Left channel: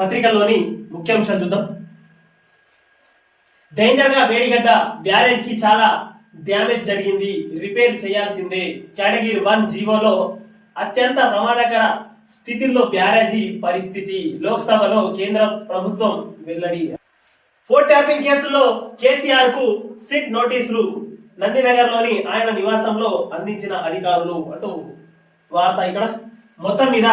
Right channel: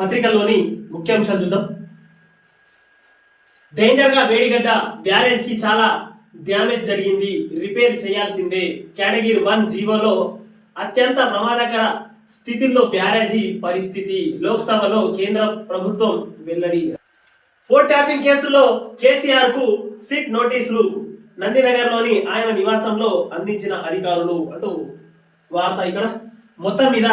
పత్రికల్లోని ముఖ్యాంశాలు చూద్దాం. డేంజర్గా వేడిగడ్డ బ్యారేజ్కి చాలా డ్యామేజ్ జరిగింది. రిపేర్ చేయాల్సిందే. కేటగిరీ వన్ జీవోలో అత్యంత ప్రమాదకర స్థితిలో బ్యారేజీ పరిస్థితి. లోక్సభలో కేంద్ర ప్రభుత్వం వెల్లడి. ఫోర్ ట్యాపింగ్ కేసులో కేసీఆర్కు సిట్ నోటీసులు. నందినగర్లోని ఆయన నివాసంలో అందించిన అధికారులు. అంటూ వార్త ఇక్కడ. మొత్తం మీద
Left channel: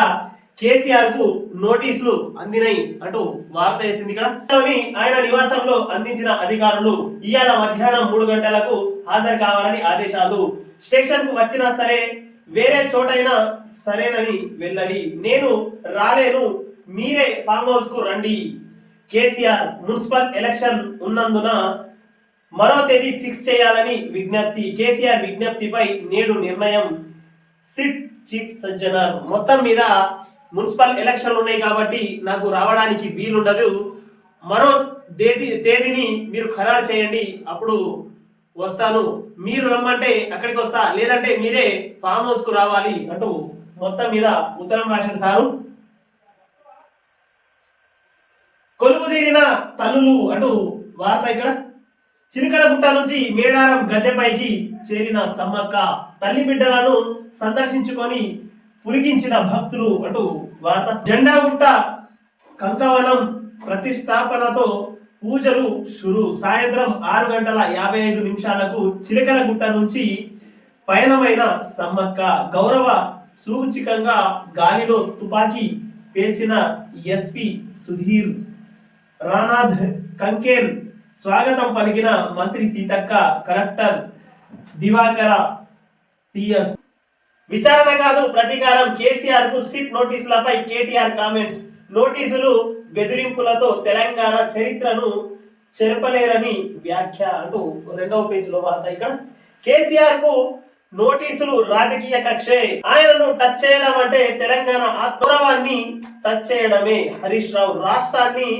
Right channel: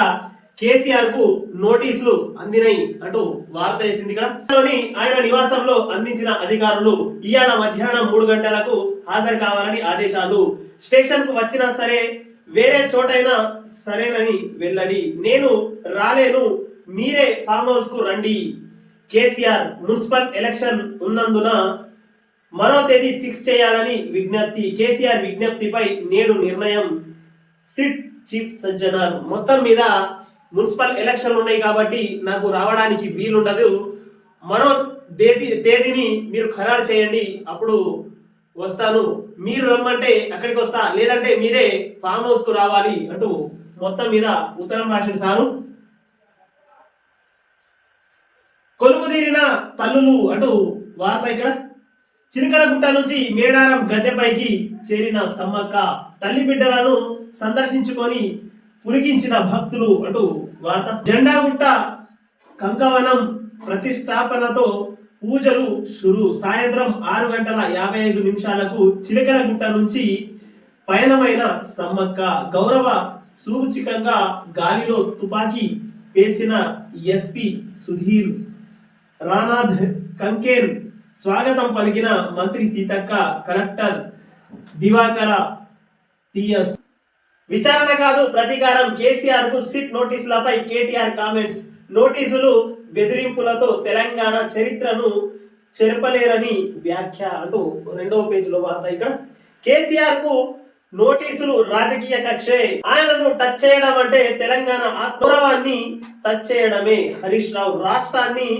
కేసీఆర్కు నోటీసులు అందినాయి అంటూ వార్త వేసింది ఇక్కడ. ఆయన నివాసంలో అందించిన అధికారులు ఇవాళ మధ్యాహ్నం మూడు గంటలకు హాజరు కావాలని ఆదేశాలు. స్టేషన్కు వచ్చినా సరే వేరే చోటైనా సరేనని వెల్లడి. నేను రాలేను మీరే ఫామ్ హౌస్కు రండి. కేసీఆర్ మున్సిపల్ ఎలక్షన్ ఉన్నందున మరో తేదీ ఫిక్స్ చేయాలని విజ్ఞప్తి. కేసీఆర్ విజ్ఞప్తిపై నేడు నిర్ణయం. సిట్ చీఫ్ సజ్జనర్ మొత్తం మీద మున్సిపల్ ఎలక్షన్లు ఉన్నాయి కాబట్టి నాకు రావడానికి వీలుండదు. మరో తేదీ తేదీని మీరు ఖరారు చేయండి. అప్పుడు వస్తాను. మీరు రమ్మంటే అక్కడికి వస్తా. లేదంటే మీరే ఫామ్ హౌస్కు రావాలి అంటూ మొత్తం మీద ఉత్తరం రాసిన సారు. కొలువుదీరిన తల్లులు అంటూ వార్త ఇక్కడ. చిలకల గుట్ట నుంచి మేడారం గద్దెపైకి చేరిన సమ్మక్క తల్లి బిడ్డలను సందర్శించుకొని పురిగించిన భక్తులు అంటూ వార్త. జెండాగుట్ట కంకవనం ప్రతిష్టాపనతో పూజలు షురు సాయంత్రం ఆరు గంటల యాభై ఐదు నిమిషాలకు చిలకలగుట్ట నుంచి పయనమైన సమ్మక్క గౌరవ సూచికంగా గాలిలో తుపాకీ పేల్చిన ఎస్పి సుధీర్ రానాథ్ కంకేర్ స్వాగతం పలికిన మంత్రి సీతక్క కలెక్టర్ దివాకర టిఎస్. విచారణ కాదు ప్రతీకారం కేసీఆర్కు సిట్ నోటీసులపై కేటీఆర్ కామెంట్స్. నోటీసులు బెదిరింపులతో తెలంగాణ చరిత్రను చెరపలేరని వ్యాఖ్య అంటూ రెండవ పేజీలో వార్త ఇక్కడ. కేసీఆర్కు నోటీసులు రాజకీయ కక్షే. ఆయనను టచ్ చేయడం అంటే తెలంగాణ ఆత్మగౌరవాన్ని టచ్ చేయడమే. హరీష్ రావు రాష్ట్రాన్ని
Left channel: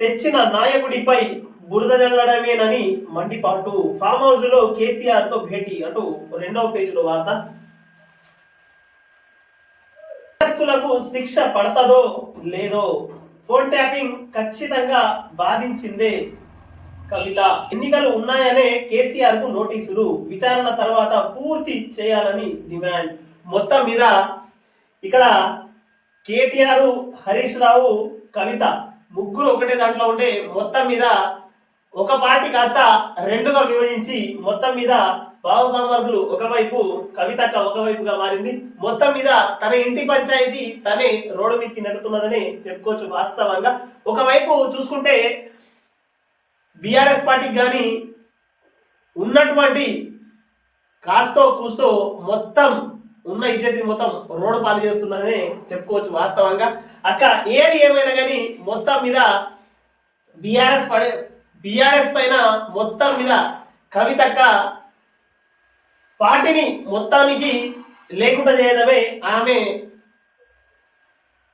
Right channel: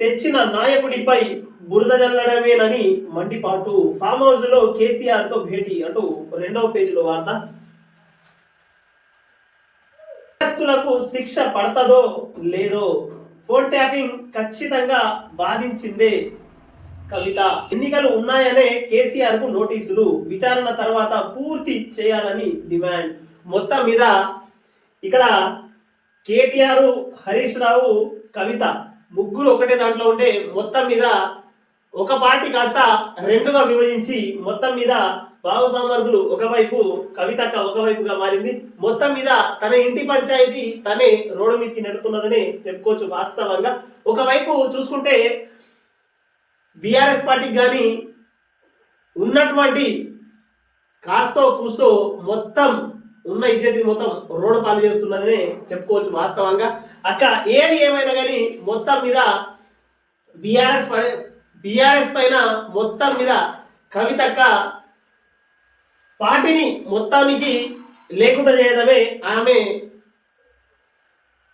తెచ్చిన నాయకుడిపై బురద జల్లడమేనని మండిపాటు. ఫామ్ హౌస్లో కేసీఆర్తో భేటీ అంటూ రెండవ పేజీలో వార్త. నేరస్తులకు శిక్ష పడతదో లేదో ఫోన్ ట్యాపింగ్ ఖచ్చితంగా బాధించిందే కవిత. ఎన్నికలు ఉన్నాయనే కేసీఆర్కు నోటీసులు. విచారణ తర్వాత పూర్తి చేయాలని డిమాండ్. మొత్తం మీద ఇక్కడ కేటీఆర్ హరీష్ రావు కవిత ముగ్గురు ఒకటే దాంట్లో ఉంటే మొత్తం మీద ఒక పార్టీ కాస్త రెండుగా విభజించి మొత్తం మీద బాబుమామర్దులు ఒకవైపు కవితక్క ఒకవైపుగా మారింది. మొత్తం మీద తన ఇంటి పంచాయతీ తనే రోడ్డు మీదకి నడుతున్నదని చెప్పుకోవచ్చు వాస్తవంగా. ఒకవైపు చూసుకుంటే బీఆర్ఎస్ పార్టీకి కానీ ఉన్నటువంటి కాస్తో కూస్తో మొత్తం ఉన్న ఇజ్జతి మొత్తం రోడ్డు పాలు చేస్తున్నదని చెప్పుకోవచ్చు వాస్తవంగా. అక్క ఏది ఏమైనా కానీ మొత్తం మీద బీఆర్ఎస్ బీఆర్ఎస్ పైన మొత్తం మీద కవితక్క పార్టీని మొత్తానికి లేకుండా చేయడమే ఆమె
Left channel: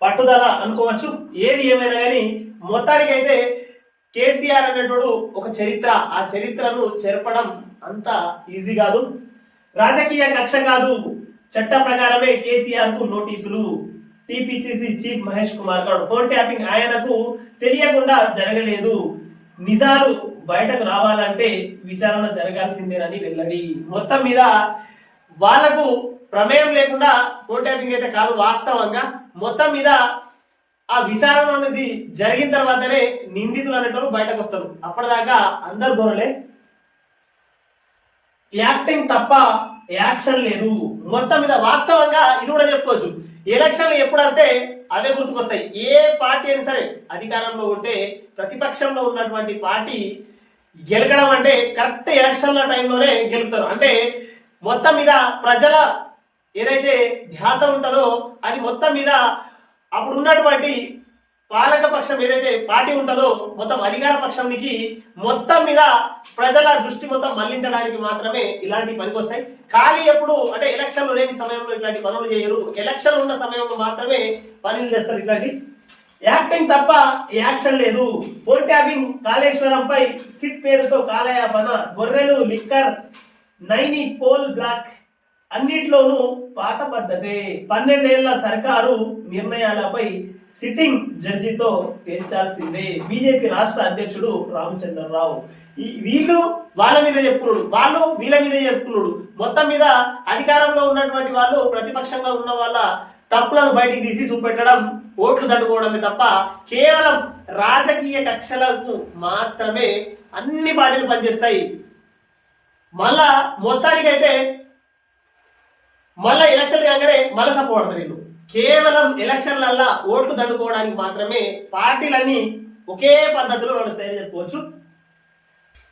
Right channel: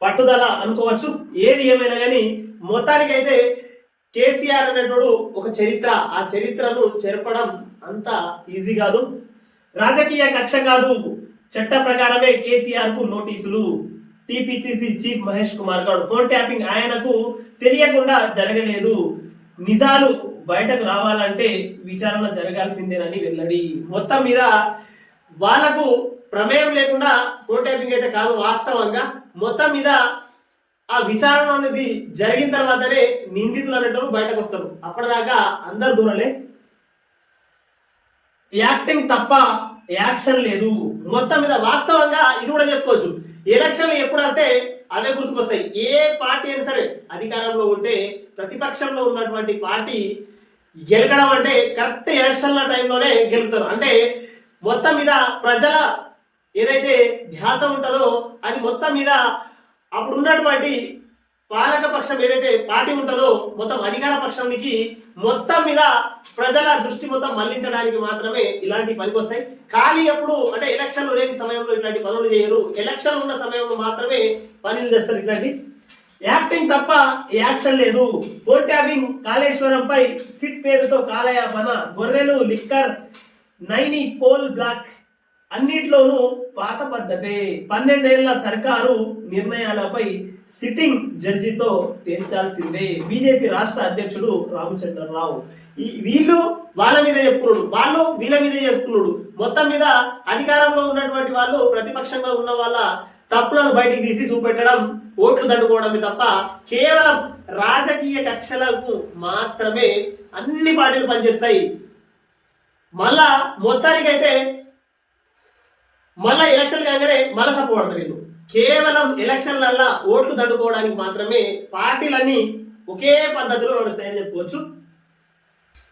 పట్టుదల అనుకోవచ్చు. ఏది ఏమైనా కానీ మొత్తానికి అయితే కేసీఆర్ అనేటోడు ఒక చరిత్ర. ఆ చరిత్రను చెరపడం అంత ఈజీ కాదు. రాజకీయ కక్ష కాదు. చట్ట ప్రకారమే కేసీఆర్కు నోటీసులు. TPCC chief Mahesh Kumar Goud phone tapping ఆయనకు తెలియకుండా జరగలేదు. నిజాలు బయటకు రావాలంటే విచారణ జరగాల్సిందేనని వెల్లడి. మొత్తం మీద వాళ్ళకు ప్రమేయం లేకుండా ఫోన్ అయితే కాదు వాస్తవంగా మొత్తం మీద ఆ విచారణ అనేది జరిగిన తర్వాతనే నిందితులు అనేటోళ్ళు బయటకు వస్తారు. అప్పటిదాకా అందరు దూరలే. యాక్టింగ్ తప్ప యాక్షన్ లేదు. మొత్తం మీద వాస్తవంగా ఇది కూడా చెప్పుకోవచ్చు. ఎలక్షన్లు ఎప్పుడు వస్తే అవే గుర్తుకొస్తాయి. ఏ పార్టీ అయినా సరే అధికారంలో ఉంటే ప్రతిపక్షంలో ఉన్నటువంటి పార్టీ గెలకడం అంటే కరెక్ట్ యాక్షన్ల టైంలోనే గెలుపుతారు. అంటే మొత్తం మీద ప్రజల ఏదైతే ధ్యాస ఉంటుందో అది మొత్తం మీద అప్పుడు ఉన్నటువంటి పాలక పక్షం ఏదైతే పార్టీ ఉంటుందో మొత్తం అధికార పక్షానికి మొత్తం మీద ప్రజల దృష్టి మొత్తం మళ్ళించడానికి మాత్రమే ఇలాంటి పనికి వస్తాయి. ఖాళీ ఎప్పుడు అంటే ఎలక్షన్లు లేని సమయంలో ఇట్లాంటి పనులు చేయరు. ఎలక్షన్ ఉన్న సమయంలో మాత్రమే పనులు చేస్తారు ఇట్లాంటి యాక్టింగ్ తప్ప యాక్షన్ లేదు. ఫోర్ ట్యాపింగ్ కాళేశ్వరంపై సిట్ పేరుతో కాలయాపన గొర్రెలు లిక్కర్ నైని కోల్ బ్లాక్ అన్నిట్లోనూ పాత పద్ధతే. పన్నెండేళ్ళ సర్కారు నిర్ణయాలపై సిట్టింగ్ జడ్జితో తేల్చాల్సిందే. బీజేపీ రాష్ట్ర అధ్యక్షుడు రామచంద్రరావు. ఈ వీళ్ళు వాళ్ళ మీద చెప్పుకున్నాడు. వాళ్ళు వీళ్ళ మీద చెప్పుకున్నాడు. మొత్తం మీద అధికారంలో ఉన్నటువంటి వాళ్ళు ప్రతిపక్షంలో ఉన్న వాళ్ళ తప్పులను బయటికి తీసి చూపెట్టడం ఓట్లు దండుకోవడమే తప్ప కేవలం రాజకీయ కక్షలకు మాత్రమే అన్ని పార్టీలు పనిచేస్తాయి. మళ్ళా మొత్తానికైతే మళ్ళా ఎలక్షన్ కాగానే మళ్ళా సపోర్ట్ వీళ్ళు. కేవలం ఎలక్షన్లల్లా ఓట్లు దండుకోవడానికి మాత్రమే పార్టీలన్నీ ఒకే పద్ధతిలో నడుస్తాయని చెప్పుకోవచ్చు.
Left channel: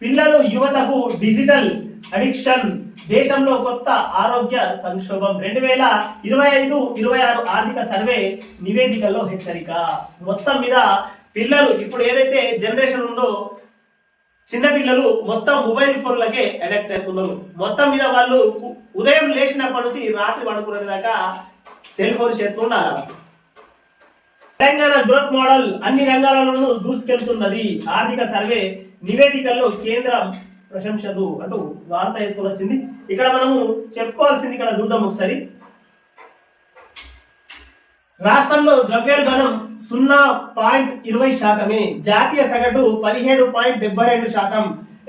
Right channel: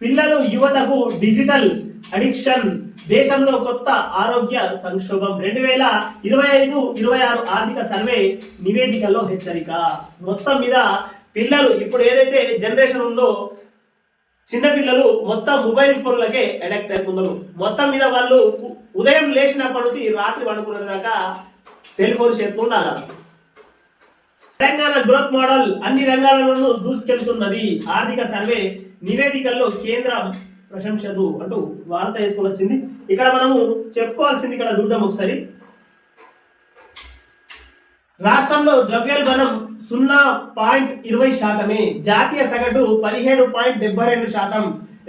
పిల్లలు యువతకు డిజిటల్ అడిక్షన్. దేశంలో కొత్త ఆరోగ్య సంక్షోభం. రెండు వేల ఇరవై ఐదు ఇరవై ఆరు ఆర్థిక సర్వే నివేదికలో హెచ్చరిక. మొత్తం మీద పిల్లలు ఇప్పుడు ఏదైతే జనరేషన్ ఉందో చిన్న పిల్లలు మొత్తం మొబైల్ ఫోన్లకే అడిక్ట్ అవుతున్నారు మొత్తం మీద వాళ్ళు ఉదయం లేచినప్పటి నుంచి రాత్రి పడుకునే దాకా సెల్ ఫోన్ చేతిలో ఉండాలి? తెలంగాణ గ్రోత్ మోడల్ అన్ని రంగాలలోనూ దూసుకెళ్తున్నది. ఆర్థిక సర్వే నివేదికల్లో కేంద్ర ప్రశంసలు అంటూ వార్త వేసుకొని వచ్చింది. ఇక్కడ మనము చెప్పుకోవాల్సింది ఇక్కడ చూద్దాం ఒకసారి. రాష్ట్రంలో ద్రవ్యోల్బణం సున్నా పాయింట్ ఇరవై శాతమే జాతీయ సగటు పదిహేడు పాయింట్ డెబ్బై రెండు శాతం.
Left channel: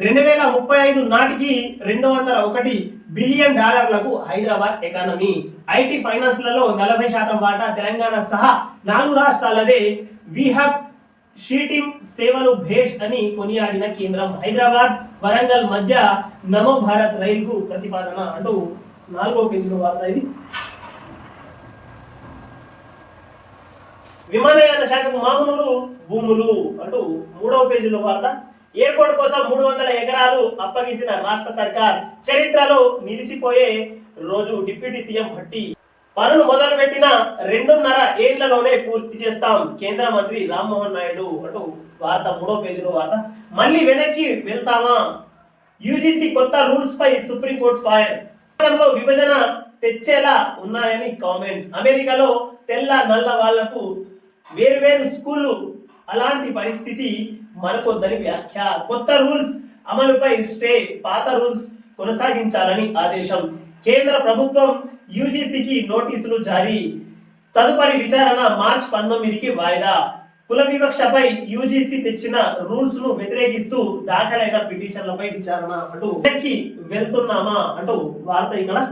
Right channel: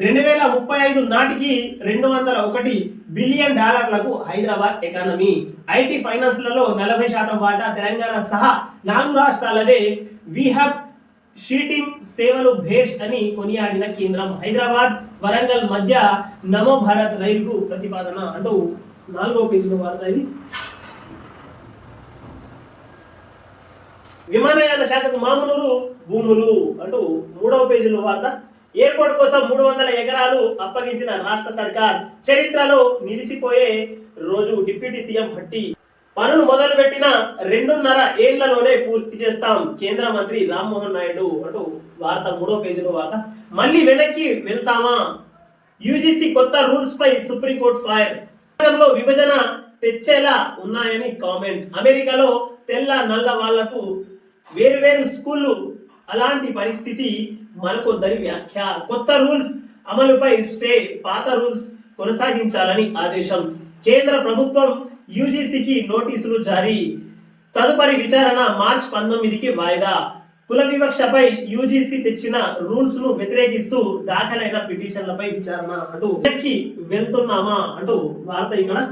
రెండు వేల ముప్పై ఐదు నాటికి రెండు వందల ఒకటి బిలియన్ డాలర్లకు హైదరాబాద్ ఎకానమీ. ఐటీ ఫైనాన్స్లలో నలభై శాతం వాటా తెలంగాణ సహా నాలుగు రాష్ట్రాలదే. విహబ్ షీటింగ్ సేవలు భేష్ అని కొనియాడిన కేంద్రం హైదరాబాద్ వరంగల్ మధ్య నమో భారత్ రైలుకు ప్రతిపాదన. అంటూ నాలుగో పేజీలో వార్త ఇది. విమానయాన శాఖకు మామూలు భూములు అంటూ మూడవ పేజీలో వార్త. ఎయిర్పోర్ట్ కోసం మూడు వందల ఎకరాలు అప్పగించిన రాష్ట్ర సర్కార్ చరిత్రలో నిలిచిపోయే రోజు డిప్యూటీ సీఎం భట్టి. పనులు మొదలు పెట్టిన రెండున్నర ఏళ్ళలోనే పూర్తి చేస్తాం. కేంద్ర మంత్రి రామ్మోహన్ నాయుడు అంటూ వార్త మూడో పేజీలో వార్త. మళ్ళీ వెనక్కి వెళ్తామా? యూజీసీ కొత్త రూల్స్ పై సుప్రీంకోర్టు ఫైర్. విభజన తెచ్చేలా ఉన్నాయని కామెంట్. అమెరికాలో తెల్ల నల్ల వాళ్ళకు వేరు వేరు స్కూళ్ళు. అలాంటి పరిస్థితి మనకొద్దని వ్యాఖ్య. కొత్త రూల్స్ అమలుపై స్టే పాత రూల్స్ కొనసాగించాలని ఆదేశం. కేంద్ర ప్రభుత్వం యూజీసీకి నోటీసులు జారీ. తదుపరి విచారణ మార్చ్ పంతొమ్మిదికి వాయిదా. కుల వివక్షపై యూజీసీ తెచ్చిన రూల్స్ను వ్యతిరేకిస్తూ దాఖలైన పిటిషన్లపై విచారణ అంటూ వెనక్కి వెళ్తున్నామా అంటూ వార్త ఇక్కడ.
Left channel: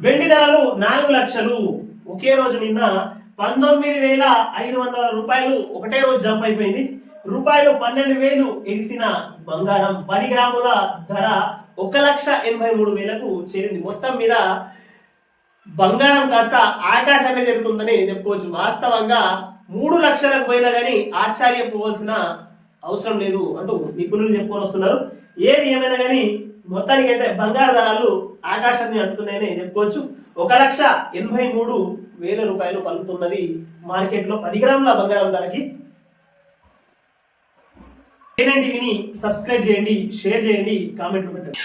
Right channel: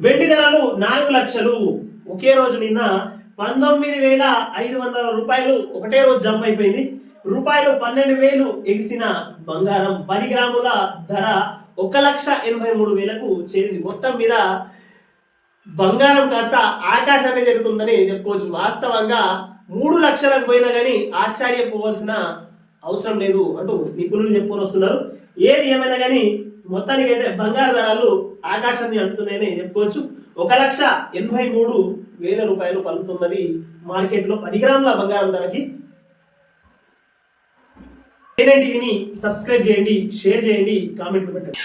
వెండి ధరలు నాలుగు లక్షలు. ఒకే రోజు నిన్న పంతొమ్మిది వేల ఐదు వందల రూపాయలు ఒకటే రోజు జంప్ అయిపోయింది. రూపాయలు పన్నెండు వేలు ఎగిసిన బంగారం. పది గ్రాముల ధర ఒక లక్ష ఎనభై మూడు వేలకు చేరింది. మొత్తం మీద బంగారం కాస్త ఆకాశాన్ని జరుగుతుందని చెప్పుకోవచ్చు. వాస్తవంగా మూడు లక్షలకు పోయినా కానీ ఆశ్చర్యపోవాల్సిన అవసరం లేదు అంటూ నిపుణులు చెప్పుకొని వస్తున్నారు. ఏది ఏమైనా కానీ మొత్తానికైతే బంగారు ధరలు ఆకాశాన్ని అంటుతున్నాయని చెప్పుకోవచ్చు. ఒక లక్ష ఎనభై మూడు వేల రూపాయలు పలుకుతున్నది మార్కెట్లో పది గ్రాముల బంగారం ధరకి. టీవీని సబ్స్క్రైబ్ చేయండి షేర్ చేయండి కామెంట్లు పెట్టండి.